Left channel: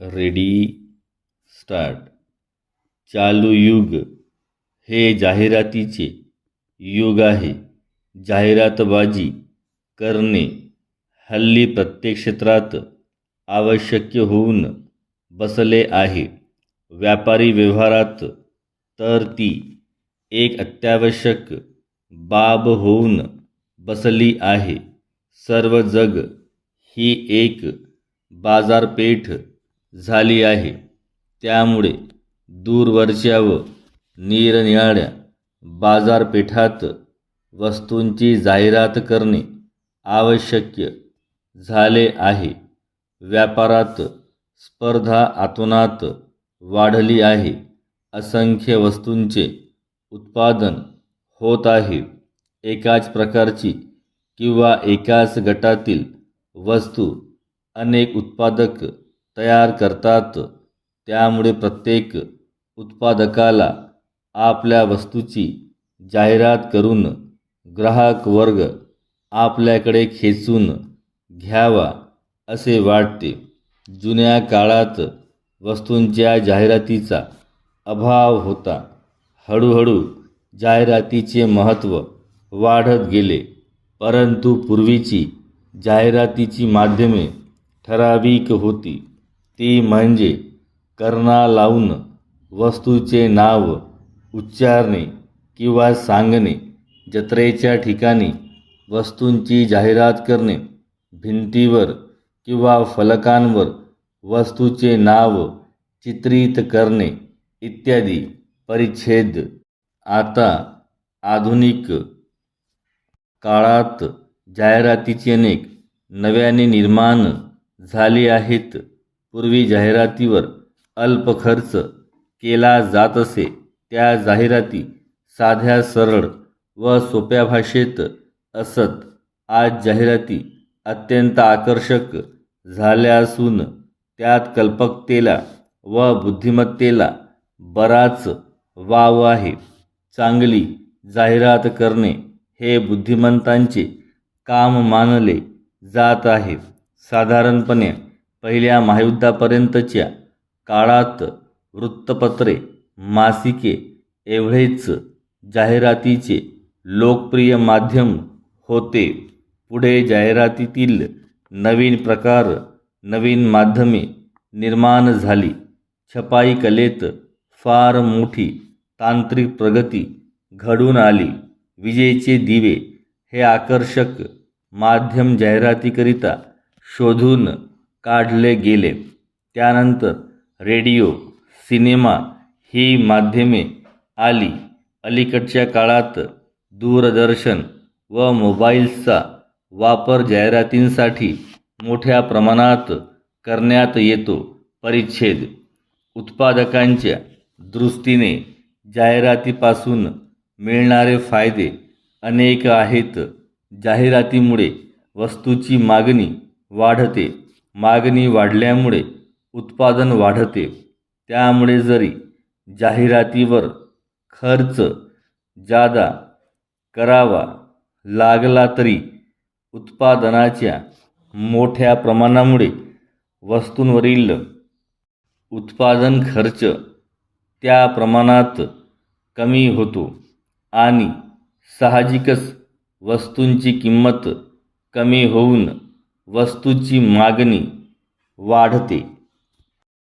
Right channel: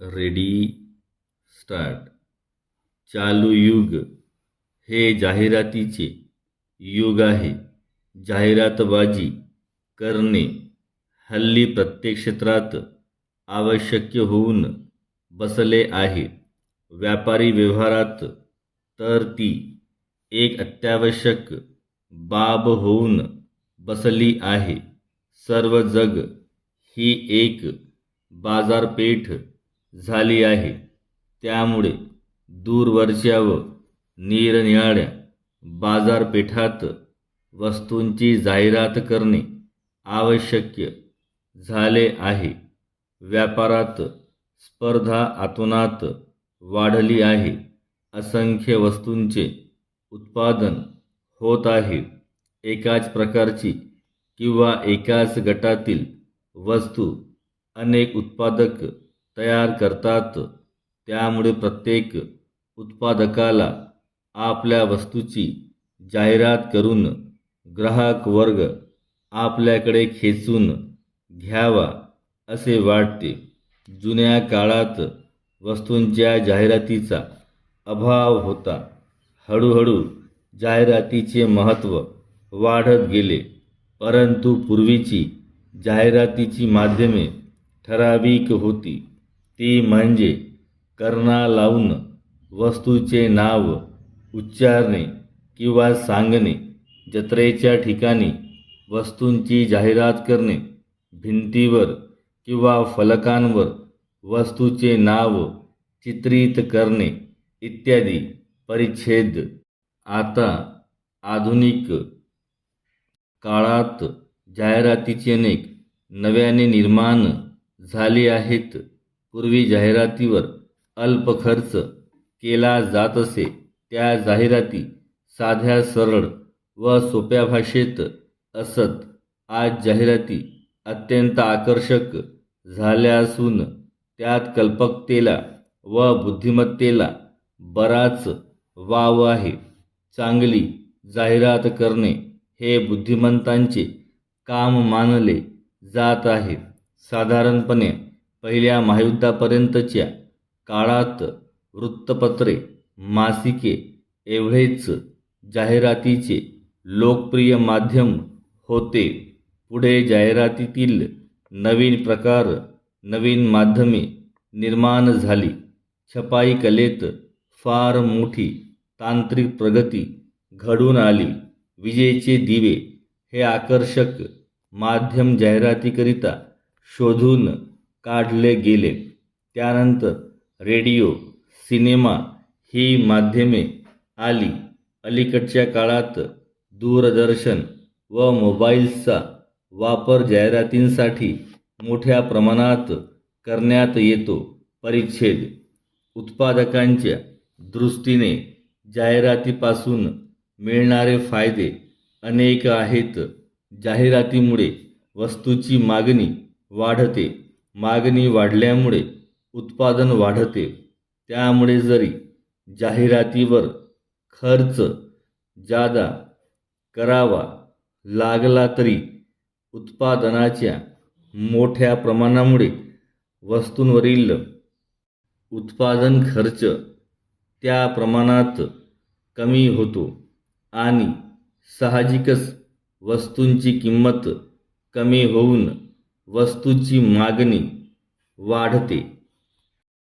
Ready start. चालू युग हे जाहिरातीचे युग आहे. जाहिरातबाजी करणे हल्ली प्रत्येक क्षेत्रात आवश्यक होऊन बसले आहे. व्यापारी व्यवहारात तर ती एक अत्यावश्यक बाब होऊन बसली आहे. सर्व जग ही एक बाजारपेठ झाली आहे. त्यामुळे दूरवरच्या व निरनिराळ्या बाजारपेठात वस्तूंची जाहिरात करणे आवश्यक झाले आहे. व्यापारात स्पर्धा अतोनात वाढली आहे. असंख्य वस्तूंचे उत्पादन होत आहे. एकाच प्रकारची किंवा एकाच गटातील वस्तू अनेक उत्पादक तयार करतात. त्यामुळे प्रत्येक उत्पादकाला आपल्या वस्तूची जाहिरात करून ग्राहक वर्ग आपल्याकडे खेचून घ्यावा असे वाटते. जुन्या काळात वस्तूंच्या जाहिरातीचा अभाव होता. हळूहळू जाहिरातीचे महत्त्व वाढत गेले. परंतु पूर्वीची जाहिरातीची माध्यमे ठराविक होती. ती म्हणजे कर्णा लावून वस्तूचे नाव उच्चारणे किंवा सांगणे. जत्रेच्या ठिकाणी वस्तूंची जाहिरात करणे. भिंतीवर किंवा फलकांवर वस्तूचे नाव चित्रित करणे इत्यादी. परिच्छेद. आता आधुनिक काळात जाहिरातीचे अनेक नव्याने निर्माण झाले आहेत. पूर्वी जाहिरातीवर अल्प खर्च केला जात असे. त्या जाहिराती साध्या, सरळ व सोप्या भाषेत असत. आज जाहिराती अत्यंत आकर्षक झाल्या असून त्यात कल्पकतेला व बुद्धिमत्तेला बराच वाव आहे. चांगली जाहिरात करणे हे बुद्धिमंतांचे काम मानले जात आहे. साधारणपणे पहिल्या महायुद्धापर्यंतच्या काळात वृत्तपत्रे, मासिके एवढेच जाहिरातीचे लोकप्रिय माध्यम होते. पुढे जाहिरातीतील नवीन प्रकार, नवीन माध्यमे निर्माण झाली. छपाई कलेत फार मोठी तांत्रिक प्रगती घडून आली. विजेचे दिवे हे आकर्षक माध्यम जाहिरातीकरिता शोधून काढले गेले. त्यानंतर रेडिओ, सिनेमा ही माध्यमे आली. अलीकडच्या काळात दूरदर्शन व मोबाईल्सचा वापर जाहिरातींसाठी मोठ्या प्रमाणात करण्यात येतो. परिच्छेद. उत्पादकांच्या दृष्टीने जाहिरातीपासून मिळणारे फायदे अनेक आहेत. जाहिरातीमुळे वस्तूची मागणी वाढते. मागणी वाढल्यामुळे उत्पादन वाढते. त्यामुळे जरी जाहिरातीवर खर्च जादा करावा लागला तरी उत्पादनाच्या मोठ्या प्रमाणामुळे वस्तूंवरील उत्पादन खर्च त्या प्रमाणात कमी होतो आणि साहजिकच वस्तूंची किंमत कमी होऊन वस्तूची मागणी वाढते.